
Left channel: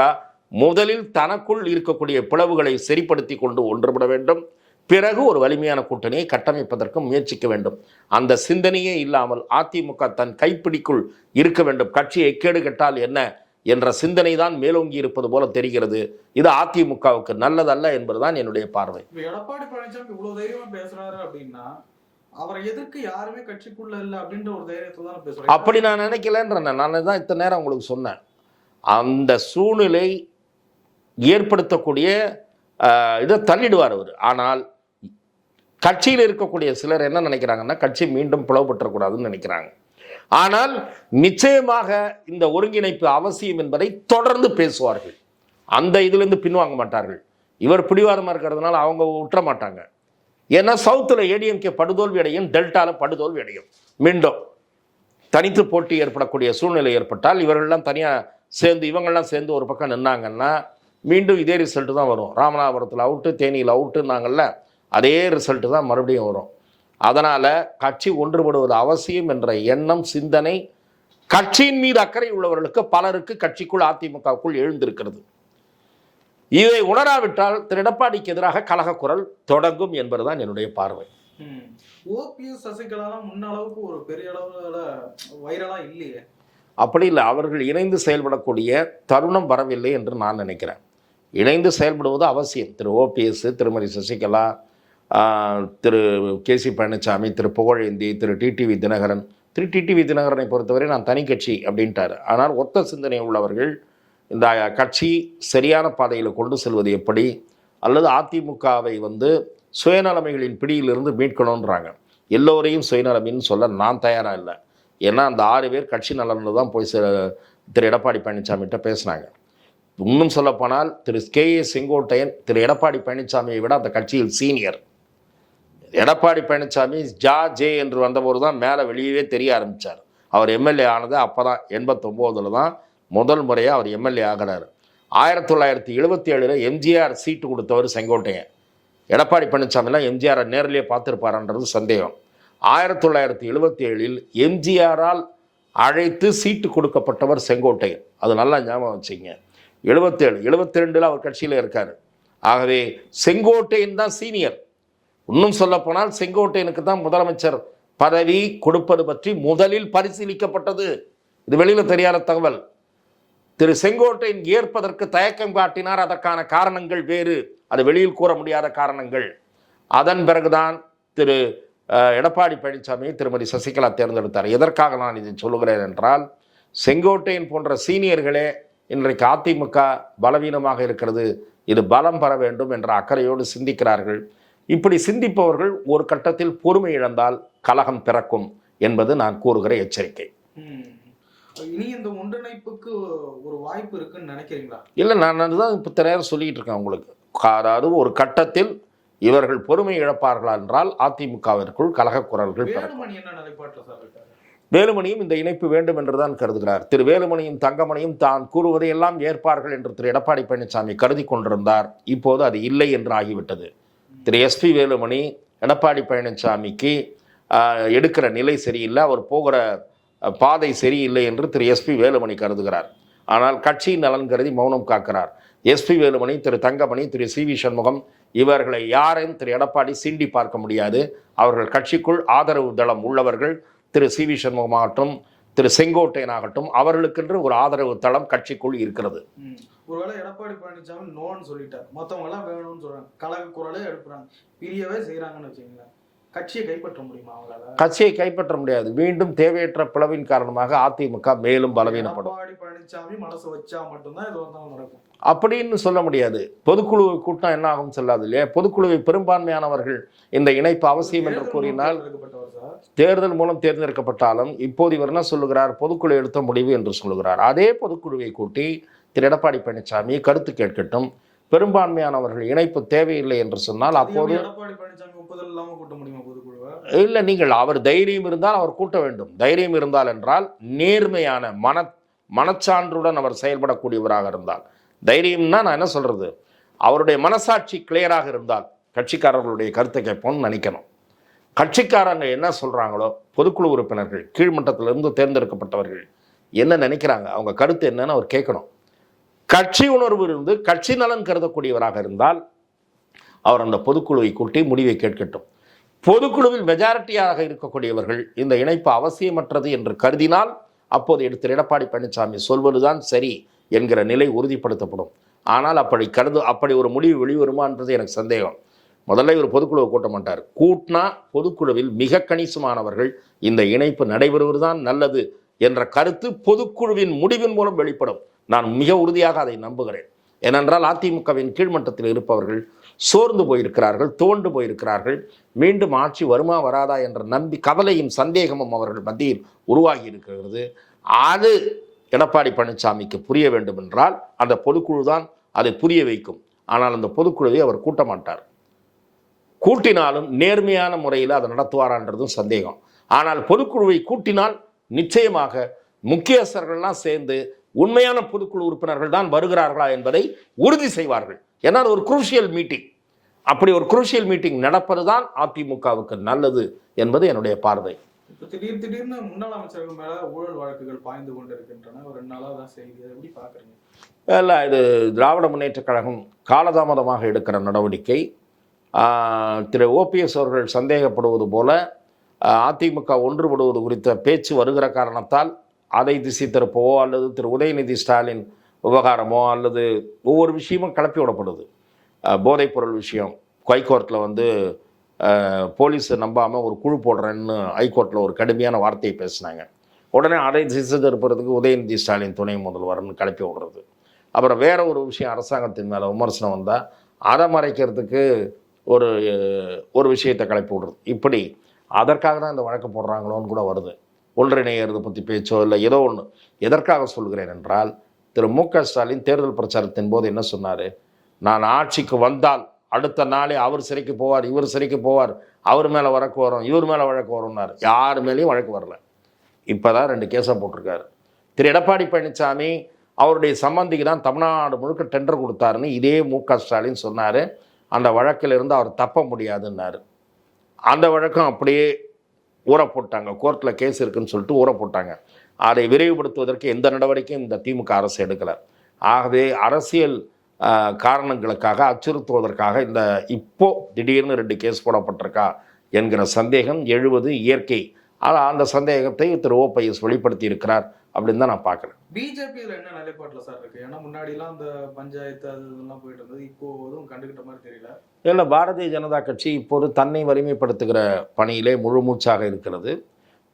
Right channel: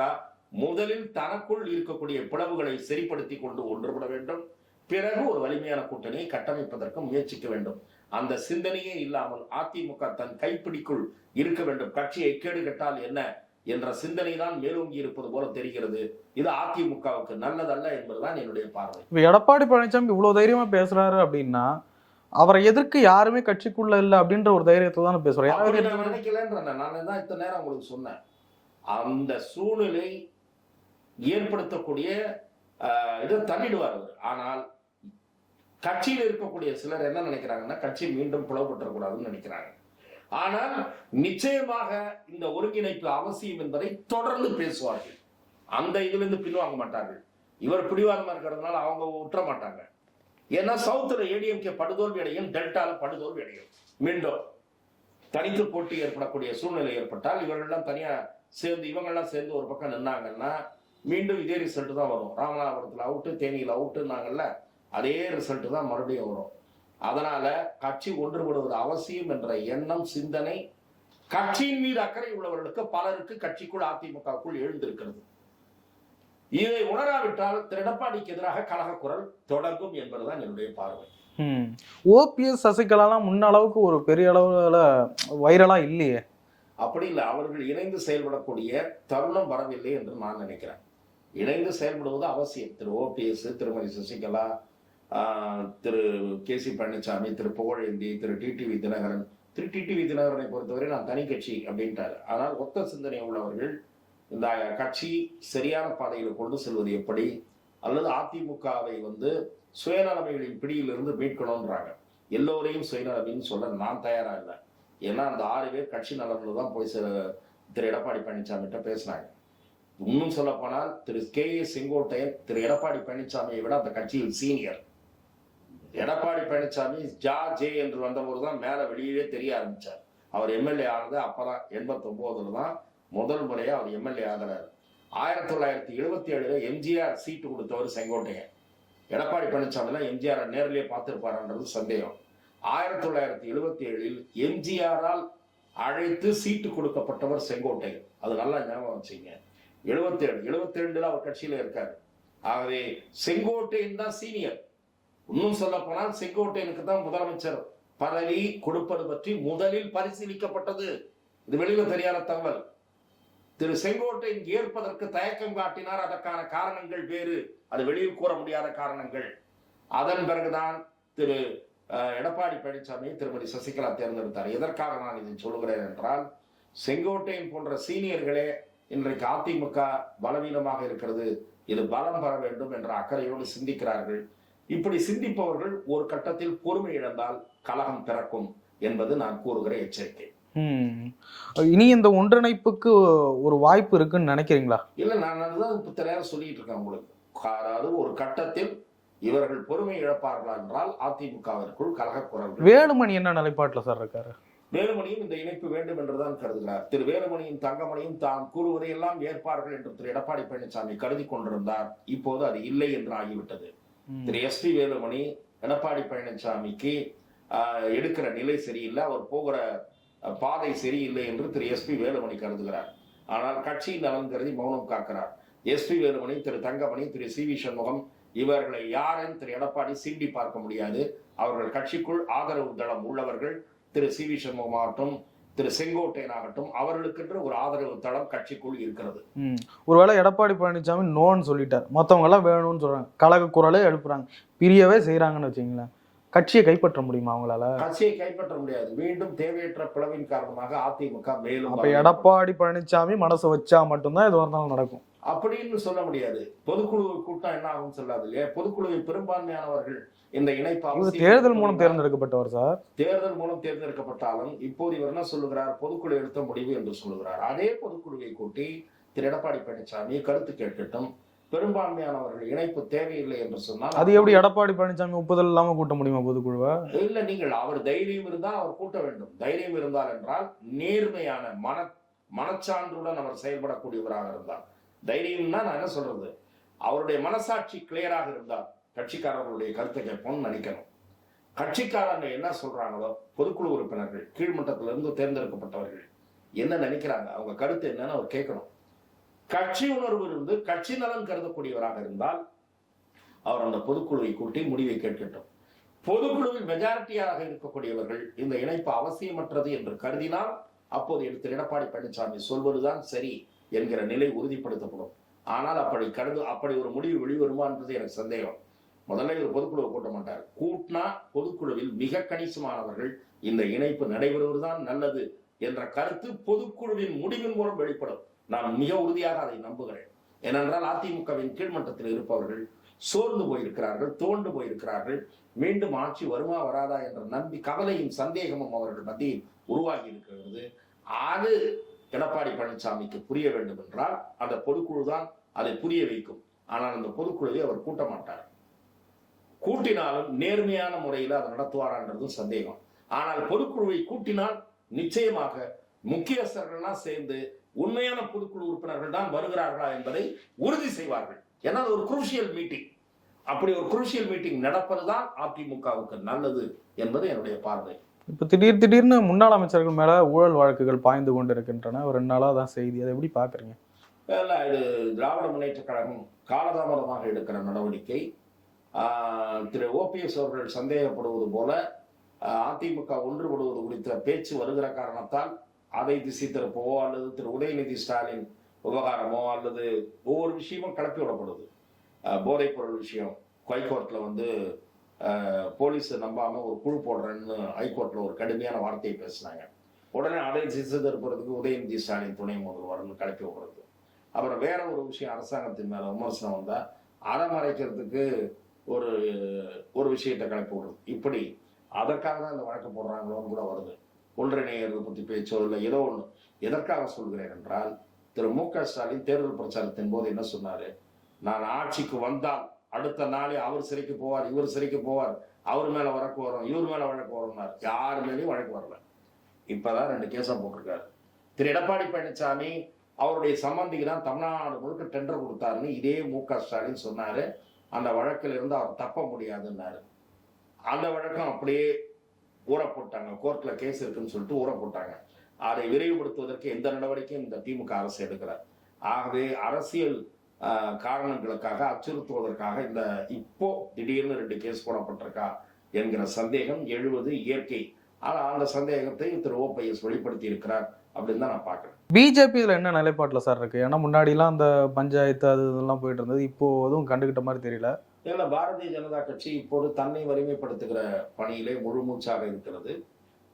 முதலில் தனக்குள் இருக்கக்கூடிய பிளவுகளை சரிப்படுத்தி கொண்டு ஒன்றுபட வேண்டும். பிறகு ஒரு வலிமையான கூட்டணியை கட்டமைப்பதற்கு முயற்சிக்க வேண்டும். அந்த சிந்தனையே இல்லாமல் அதிமுக தன் கைப்பிடிக்குள் இருக்க வேண்டும். கட்சியை கேடு கெட்டால் என்ன? என்ற சிந்தனை தான் மேலோங்கி இருப்பது போல தெரிகிறது. இது அதிமுகவுக்கு நல்லதல்ல என்பதுதான் என்னுடைய பார்வை. இப்ப எடப்பாடி பழனிசாமி இவ்வளவு தைரியமா பேசுறாரு அப்படின்னா அவரை எதிர்க்க யாருமே கட்சிக்குள்ள இல்ல அப்படின்ற ஒரு தைரியத்தை தானே பேசுறேன் அப்படி நான் நினைக்கலன்றேன் நான் தான் இத்தனை நேரம் உங்களுக்கு சொன்னேன். அந்த சூழ்நிலை ஏற்படுத்தக்கூடிய இதை தள்ளிடுவார் அவர். ஆனால் கட்சியில் இருக்கக்கூடிய சிலர் என்ன நினைக்கிறாங்கன்னா கட்சி மீண்டும் பிளவுபற்றக்கூடாதுன்னு நினைக்கிறாங்க. ஆனால் நிச்சயமாக இந்த ஒருங்கிணைப்பு அவசியம் என்பதை தொடர்ந்து பேசுவார்கள். அந்த இதுலேருந்து பின்வாங்க மாட்டார்கள். இவர் பிடிவாதமாக இருக்கிறதுனால அவங்க விட்டுற மாட்டாங்க. ஏன்னா சவுத்தில் ஏடிஎம்கே படுதோல்வி அடையும் டெல்டாவில் படுதோல்வி அடையும். மீண்டும் தனித்து போட்டி ஏற்படக்கூடிய சூழ்நிலை ஏற்பட்டால் இவர்கள்லாம் தனியாக சேர்ந்து இவங்கள்லாம் சேர்ந்து ஒரு பக்கம் நின்னாங்கன்னா மீண்டும் இதே ரிசல்ட்டு தான் வரும். ராமநாதபுரத்தில் அவுட்டு தேனியில் அவுட்டுன்னாங்கல்ல அதே ரிசல்ட்டு தான் மறுபடியும் வரும். அதனால் கட்சி ஒன்றுபடுவது அவசியம் என்ற எண்ணம் சிந்தனை கட்சியின் மீது அக்கறை உள்ளவர்களுக்கு பலருக்கு கட்சிக்குள் அதிமுகவுக்குள் எழுந்திருக்கிறது. இதை உணராவிட்டால் திரு எடப்பாடிக்கு எதிராக கலக குரல் தொடங்கும் என்பதுதான் என்னுடைய பார்வை. ஓபிஎஸ் சசிகலாலாம் முன்ன அளவுக்கு ஒரு பெரிய அளவுல வைரலா இல்லையே. அப்படி இல்லை அவர்கள் இணைந்து செயல்படக்கூடிய தருணம் வரவில்லை என்று நான் நினைக்கிறேன். இணைந்து செயல்படுவது அவசியம். Thiru OPS Thirumathi Sasikala Thiru K C Palaniswami Thiru Pugazhendhi Thiru TTV Dhinakaran. Thiru TTV தினகரனை பொறுத்தவரை நான் தனி கட்சி அப்படின்ட்டார். ஆனால் ஒத்த சிந்தனை உள்ளவர்கள் இந்த கட்சி சரியான பாதையில் கொண்டு செல்வது எப்படி? அல்லது அதிமுகவை வந்து சுயநலமைகளின் பிடியிலிருந்து மீட்கணுன்றாங்க எல்லோரையும் சுயநலமின்னு சொல்ல நான் தயாராக இல்லை. ஏன்னா அந்த ஆறு பேர் கட்சி நலனில் தான் போய் சே- திரு எடப்பாடி பழனிசாமிகிட்ட பேசினாங்க. இன்னும் சொல்லப்போனால் திரு கே ஏ செங்கோட்டையன் திரு எடப்பாடி பழனிசாமியை விட அந்த கட்சியில் சீனியர். எடப்பாடி பழனிசாமி ஜா ஜே என்று வந்தபோது தான் மேலே வெளியவே தெரிய ஆரம்பித்தார் அவர் எம்எல்ஏ ஆனது அப்போ தான் எண்பத்தொம்போதில் தான் முதல் முறையாக அவர் எம்எல்ஏ ஆகிறார். ஆயிரத்தி தொள்ளாயிரத்தி எழுபத்தி ஏழில் எம்ஜிஆர் சீட்டு கொடுத்தவர் செங்கோட்டையன். எடப்பாடி பழனிசாமிலாம் எம்ஜிஆரை நேரிலே பார்த்துருப்பாரான்றது சந்தேகம். ஆயிரத்தி தொள்ளாயிரத்தி எழுபத்தி ஏழில் எம்ஜிஆரால் அழைத்து சீட்டு கொடுக்கப்பட்டவர் செங்கோட்டையன். அது நல்லா ஞாபகம் வச்சுங்க. எழுபத்தேழு எழுபத்தி ரெண்டில் அவர் கட்சியில் இருக்கார். ஆகவே செங்கோட்டையன் தான் சீனியர். இன்னும் சொல்லப்போனால் செங்கோட்டையனுக்கு தான் முதலமைச்சர் பதவி கொடுப்பது பற்றி முதலில் பரிசீலிக்கப்பட்டது. இது வெளியில் தெரியாத தகவல். திரு செங்கோட்டையன் ஏற்பதற்கு தயக்கம் காட்டினார். அதற்கான காரணங்கள் வேறு. அது வெளியில் கூற முடியாத காரணங்கள். அதன் பிறகுதான் திரு எடப்பாடி பழனிசாமியை திருமதி சசிகலா தேர்ந்தெடுத்தார். எதற்காக நான் இதை சொல்லுகிறேன் என்றால் செங்கோட்டையன் போன்ற சீனியர்களே இன்றைக்கு அதிமுக பலவீனமாக இருக்கிறது. இது பலம் பெற வேண்டும் என்ற அக்கறையோடு சிந்திக்கிறார்கள். இப்படி சிந்திப்பவர்கள் ஒரு கட்டத்தில் பொறுமை இழந்தால் கலகம் பிறக்கும் என்பது நான் கூறுகிற எச்சரிக்கை. இனி இந்த ஒன்றிணைப்புக்கு ஒரு வாய்ப்பு இருக்குன்னு நினைக்கிறீங்களா? இல்லை நான் அதுதான் இப்போ நேரம் சொல்லிட்டு இருக்கேன் உங்களுக்கு. அதாவது ஒரு கட்டத்தில் இவர்கள் பொறுமை இழப்பார்களா என்றால் அதிமுகவிற்குள் கலக குரல்கள் வேலுமணி என்ன நிலைப்பாட்டுல சார் இருக்காரு? வேலுமணியும் இந்த இணைப்பு வேண்டும் என்றுதான் கருதுகிறார். திரு வேலுமணியும் தங்கமணியும் தான் கூறுவதை எல்லாம் ஏற்பார்கள் என்று திரு எடப்பாடி பழனிசாமி கருதி கொண்டிருந்தார். இப்போது அது இல்லை என்று ஆகிவிட்டது. திரு எஸ்பி வேலுமணி எடப்பாடி பழனிசாமிக்கு எடுக்கிற நிலை சரியில்லை அவர் போகிற பாதை சரியில்லை என்று திரு எஸ்பி வேலுமணி கருதுகிறார். ஆனால் கட்சியின் நலன் கருதி மௌனம் காக்கிறார். SP Velumani Thiru Thangamani Thiru C V Shanmugam இவர்களை யாரையும் திரு எடப்பாடி சீண்டி பார்க்க முடியாது. அவர்கள் கட்சிக்குள் ஆதரவு தளம் உள்ளவர்கள் திரு சி வி சண்முகமாகட்டும் திரு செங்கோட்டையன் ஆகட்டும் அவர்களுக்கென்று ஒரு ஆதரவு தளம் கட்சிக்குள் இருக்கிறது. ஒருவேளை எடப்பாடி பழனிசாமி நோன்னு சொல்லிட்டார். மற்றவங்கெல்லாம் வேணும்னு சொல்றாங்க. கழக குரலே எழுப்புறாங்க. பிரியவே செய்கிறாங்கன்னு வச்சுங்களேன் கட்சியை கைப்பற்ற முடியுமா அவங்களால? கட்சியை கைப்பற்ற முடியாது. மீண்டும் தேவையற்ற பிளவின் காரணமாக அதிமுக மேலும் பலவீனப்படும் எடப்பாடி பழனிசாமி மனசு வச்சா மட்டும்தான் இது வந்தாலும் நடக்கும். அப்படின்னு சொல்ல முடியாது. பொதுக்குழு கூட்டம் என்ன ஆகும் சொல்லாது இல்லையா? பொதுக்குழுவை பெரும்பான்மையானவர்கள் இந்த இணைப்பு அவசியம் தேர்தல் மூலம் தேர்ந்தெடுக்கப்பட்டவர் சார். தேர்தல் மூலம் தேர்ந்தெடுக்கப்பட்டாலும் இப்போது இவர் என்ன சொல்லுகிறார்? பொதுக்குழு எடுத்த முடிவு என்று சொல்லுகிறார். அதே பொதுக்குழுவை கூட்டி திரு எடப்பாடி பழனிசாமி கருத்து கேட்கட்டும். பெரும்பான்மையானவர்கள் இணைப்பு தேவையில்லை என்று சொன்னால் அது எப்படி எடப்பாடி பழனிசாமி ஒப்புதல் இல்லாம கூட்ட முடியுமா பொதுக்குழுவை? இல்லை நீங்கள் அவர் தைரியம் இருந்தால் அவர் கூட்ட வேண்டும். தைரியம் இருந்தால் என்றால் நேர்மையான மன மனச்சான்றுடன் அவர் செயல்படக்கூடியவராக இருந்தால். தைரியம்னா நான் என்ன சொல்றது? அவருடைய மனசாட்சி கிளியராக இருந்தால் கட்சிக்காரர்களுடைய கருத்தை கேட்போம்னு நினைக்கணும். கட்சிக்காரங்க என்ன சொல்றாங்களோ பொதுக்குழு உறுப்பினர்கள் கீழ்மட்டத்திலிருந்து தேர்ந்தெடுக்கப்பட்டவர்கள் என்ன நினைக்கிறாங்க? அவங்க கருத்து என்னன்னு அவர் கேட்கணும். கட்சி உணர்வு இருந்து கட்சி நலன் கருதக்கூடியவராக இருந்தால் அவர் அந்த பொதுக்குழுவை கூட்டி முடிவை கேட்கட்டும். பொதுக்குழுவில் மெஜாரிட்டியாக இருக்கக்கூடியவர்கள் இந்த இணைப்பு அவசியமற்றது என்று கருதினால் அப்போது எடுத்து எடப்பாடி பழனிசாமி சொல்வதுதான் சரி என்கிற நிலை உறுதிப்படுத்தப்படும். ஆனால் அப்படி கருது அப்படி ஒரு முடிவு வெளிவருமான்றது எனக்கு சந்தேகம். முதல்ல இவர் பொதுக்குழுவை கூட்ட மாட்டார். கூட்டினா பொதுக்குழுவில் மிக கணிசமானவர்கள் இந்த இணைப்பு நடைபெறுவதுதான் நல்லது என்ற கருத்து பொதுக்குழுவின் முடிவின் மூலம் வெளிப்படும். நான் மிக உறுதியாக அதை நம்புகிறேன். ஏனென்றால் அதிமுகவின் கீழ்மட்டத்தில் இருப்பவர்கள் சோர்ந்து போயிருக்கிறார்கள் துவண்டு போயிருக்கிறார்கள். மீண்டும் ஆட்சி வருமா வராதா என்ற நம்பி கவலையும் சந்தேகமும் அவர்கள் மத்தியில் உருவாகி இருக்கிறது. அது எடப்பாடி பழனிசாமிக்கு புரிய வேண்டும் என்றால் அந்த பொதுக்குழு தான் அதை புரிய வைக்கும். ஆனால் அந்த பொதுக்குழுவை அவர் கூட்ட மாட்டார் கூட்டினாலும் நேர்மையான முறையில் அதை நடத்துவாரான்றதும் சந்தேகம். ஆனால் பொதுக்குழுவை கூட்டினால் நிச்சயமாக முக்கியஸ்தர்கள்லாம் சேர்ந்து உண்மையான பொதுக்குழு உறுப்பினர்கள் தான் வருகிறார்களா என்பதை உறுதி செய்வார்கள். ஏன்னா ஒரு குரூஷியல் மீட்டிங் அப்படி ஒரு குரூஷியல் மீட்டிங் நடப்பது தான் அதிமுகவுக்கு நல்லது என்பது என்னுடைய பார்வை. இப்ப திடீர் திடீர்னு முன்னாள் அமைச்சர்கள் மேல ஊழல் வழக்குகள் பாய்ந்து கொண்டு இருக்கின்றன ஒரு ரெண்டு நாளா தான் செய்தி. அதை எப்படி பாக்குறீங்க இல்லை இது திராவிட முன்னேற்றக் கழகம் காலதாமதமாக எடுக்கிற நடவடிக்கை. திரு ஓபிஎஸ் அவர்கள் சந்தேகப்படுவது போல அதிமுக ஒன்றுபடுவது குறித்த பேச்சு வருகிற காரணத்தால் அதை திசை திருப்பவோ அல்லது திரு உதயநிதி ஸ்டாலின் விவகாரமோ அல்லது ஒவ்வொரு விஷயமும் கிளப்பி விடப்படுது. போதைப்பொருள் விஷயம். ஹைகோர்ட்டில் வந்து போலீஸை நம்பாமல் ஒரு குழு போடுறேன்னு ஹைகோர்ட்டில் ஒரு கடுமையான வார்த்தையை பேசினாங்க. உடனே அதை திசை திருப்புறதுக்கு உதயநிதி ஸ்டாலின் துணை முதல்வர்னு கிளப்பி விடுறது. அப்புறம் வேற ஒரு விஷயம் அரசாங்கத்தின் மேலே விமர்சனம் வந்தால் அதை மறைக்கிறதுக்கு ஒரு ஒரு விஷயத்தை கிளப்பி விடுறது. இப்படி அதற்காக தான் இந்த வழக்கு போடுறாங்களோன்னு கூட வருது. ஒன்றிணைகிறது பற்றி பேச்சோ இல்லை ஏதோ ஒன்று எதற்காக சொல்கிறேன் என்றால் திரு மு க ஸ்டாலின் தேர்தல் பிரச்சாரத்தின் போது என்ன சொன்னார்? நான் ஆட்சிக்கு வந்தால் அடுத்த நாளே அவர் சிறைக்கு போவார் இவர் சிறைக்கு போவார் அவர் மேலே வழக்கு வரும் இவர் மேலே வழக்கு வரும்னார். யார் மேலேயும் வழக்கு வரல. இப்போ தான் ரெண்டு கேஸை போட்டிருக்காரு. திரு எடப்பாடி பழனிசாமி அவருடைய சம்பந்திக்கு தான் தமிழ்நாடு முழுக்க டெண்டர் கொடுத்தாருன்னு இதே மு க ஸ்டாலின் சொன்னார். அந்த வழக்கிலிருந்து அவர் தப்ப முடியாதுன்னாரு. அந்த வழக்கம் அப்படியே ஊற போட்டாங்க கோர்ட்டில் கேஸ் இருக்குன்னு சொல்லிட்டு ஊற போட்டாங்க அதை விரைவுபடுத்துவதற்கு எந்த நடவடிக்கையும் இந்த திமுக அரசு எடுக்கலை. ஆகவே அரசியல் காரணங்களுக்காக அச்சுறுத்துவதற்காக இந்த இப்போ திடீர்னு ரெண்டு கேஸ் போடப்பட்டிருக்கா என்கிற சந்தேகம் எழுவது இயற்கை. ஆனால் அந்த சந்தேகத்தை திரு ஓபிஎஸ் வெளிப்படுத்தி இருக்கிறார் அப்படின்னு தான் நான் பார்க்குறேன். பிஜேபியில் என்ன நிலைப்பாட்டில் சார் இருக்குது ஏன்னா முன்னாடிலாம் அந்த பஞ்சாயத்து அது இதெல்லாம் போயிட்டு இருந்தது. இப்போ எதுவும் கண்டுக்கிட்ட மாதிரி தெரியல. இதில் பாரதிய ஜனதா கட்சி இப்போது தன்னை வலிமைப்படுத்துகிற பணியிலே முழு மூச்சாக இருக்கிறது.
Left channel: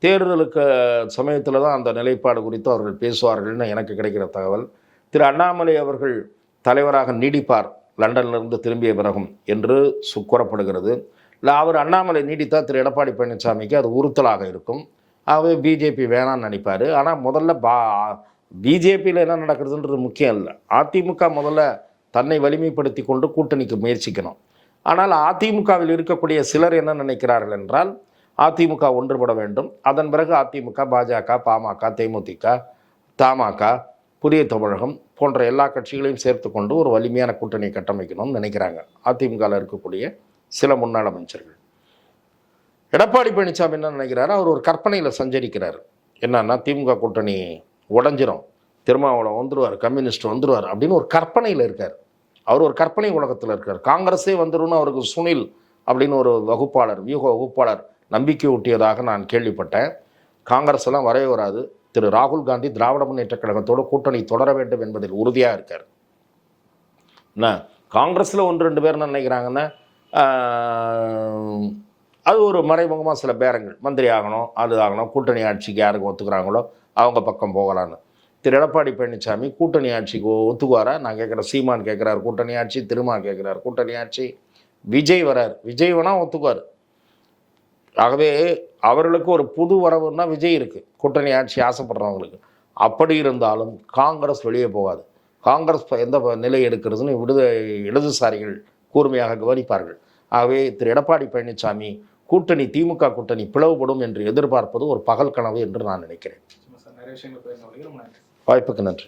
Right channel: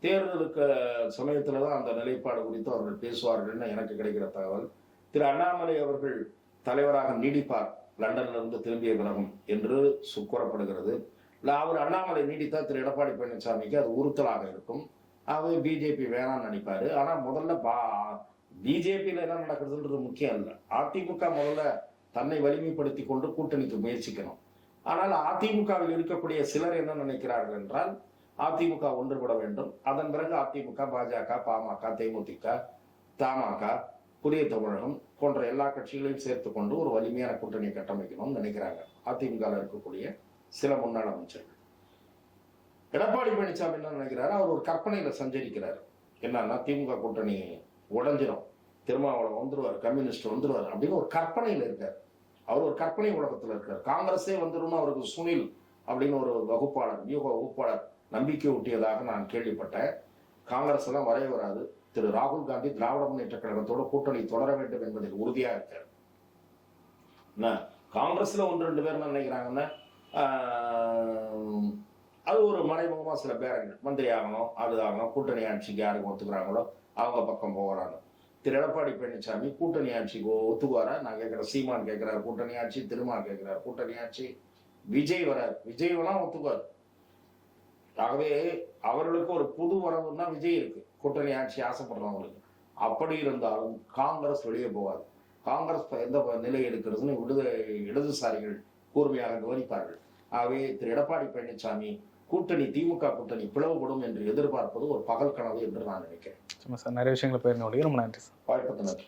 தேர்தலுக்கு சமயத்தில் தான் அந்த நிலைப்பாடு குறித்து அவர்கள் பேசுவார்கள்னு எனக்கு கிடைக்கிற தகவல். திரு அண்ணாமலை அவர்கள் தலைவராக நீடிப்பார் லண்டனிலிருந்து திரும்பிய பிறகும் என்று சு- கூறப்படுகிறது. இல்லை அவர் அண்ணாமலை நீடித்தால் திரு எடப்பாடி பழனிசாமிக்கு அது உறுத்தலாக இருக்கும். ஆகவே பிஜேபி வேணாம்னு நினைப்பார். ஆனால் முதல்ல பா பிஜேபியில் என்ன நடக்கிறதுன்றது முக்கியம் இல்லை. அதிமுக முதல்ல தன்னை வலிமைப்படுத்தி கொண்டு கூட்டணிக்கு முயற்சிக்கணும். ஆனால் அதிமுகவில் இருக்கக்கூடிய சிலர் என்ன நினைக்கிறார்கள் என்றால் அதிமுக ஒன்றுபட வேண்டும். அதன் பிறகு அதிமுக பாஜக பாமக தேமுதிக தமாக புதிய தமிழகம் போன்ற எல்லா கட்சிகளையும் சேர்த்து கொண்டு ஒரு வலிமையான கூட்டணியை கட்டமைக்கணும்னு நினைக்கிறாங்க அதிமுகவில் இருக்கக்கூடிய சில முன்னாள் அமைச்சர்கள். எடப்பாடி பழனிசாமி என்ன நினைக்கிறாரு? அவர் ஒரு கற்பனையில் சஞ்சரிக்கிறார். என்னன்னா திமுக கூட்டணி உடஞ்சிரும். திருமாவளம் வந்துருவார் கம்யூனிஸ்ட் வந்துடுவார் அப்படின்னு ஒரு கற்பனையில் இருக்கார். அவர் ஒரு கற்பனை உலகத்தில் இருக்கார். காங்கிரஸே வந்துடும் அவருக்கு சுனில் அப்படின்னு ஒரு வகுப்பாளர் வியூக வகுப்பாளர் நம்பிக்கை ஊட்டியதாக நான் கேள்விப்பட்டேன். காங்கிரஸ் எல்லாம் வரவே வராது. திரு ராகுல் காந்தி திராவிட முன்னேற்ற கழகத்தோட கூட்டணி தொடர வேண்டும் என்பதில் உறுதியாக இருக்கார். என்ன? காங்கிரஸில் ஒன்று ரெண்டு பேர் என்ன நினைக்கிறாங்கன்னா அது ஒரு மறைமுகமாக சில பேரங்கள் மந்திரி ஆகணும் அது ஆகணும் கூட்டணி ஆட்சிக்கு யாருக்கு ஒத்துக்கிறாங்களோ அவங்க பக்கம் போகலான்னு. திரு எடப்பாடி பழனிசாமி கூட்டணி ஆட்சிக்கு ஒத்துக்குவாரா? நான் கேட்குறேன் சீமான் கேட்குறாரு கூட்டணி ஆட்சி. திருமா கேட்குறாரு கூட்டணி ஆட்சி. விஜய் வரார். விஜய் வேணா ஒத்துக்குவார். ஆகவே அவர்களுக்கு ஒரு புது வரவுன்னா விஜய் இருக்குது கூட்டணி ஆட்சி ஆசைப்படுறவங்களுக்கு. அப்படி இருந்தாலும் காங்கிரஸ் வெளியே போகாது. காங்கிரஸ் எந்த நிலை எடுக்கிறதுன்னு விடுத இடதுசாரிகள் கூர்மையாக கவனிப்பார்கள். ஆகவே திரு எடப்பாடி பழனிசாமி கூட்டணி திமுக கூட்டணி பிளவுபடும் என்று எதிர்பார்ப்பது ஒரு பகல் கனவு என்று நான் நினைக்கிறேன். சும்மா சார். நிறைய விஷயங்களை போயிருந்த ரொம்ப நன்றி வாய்ப்புக்கு நன்றி.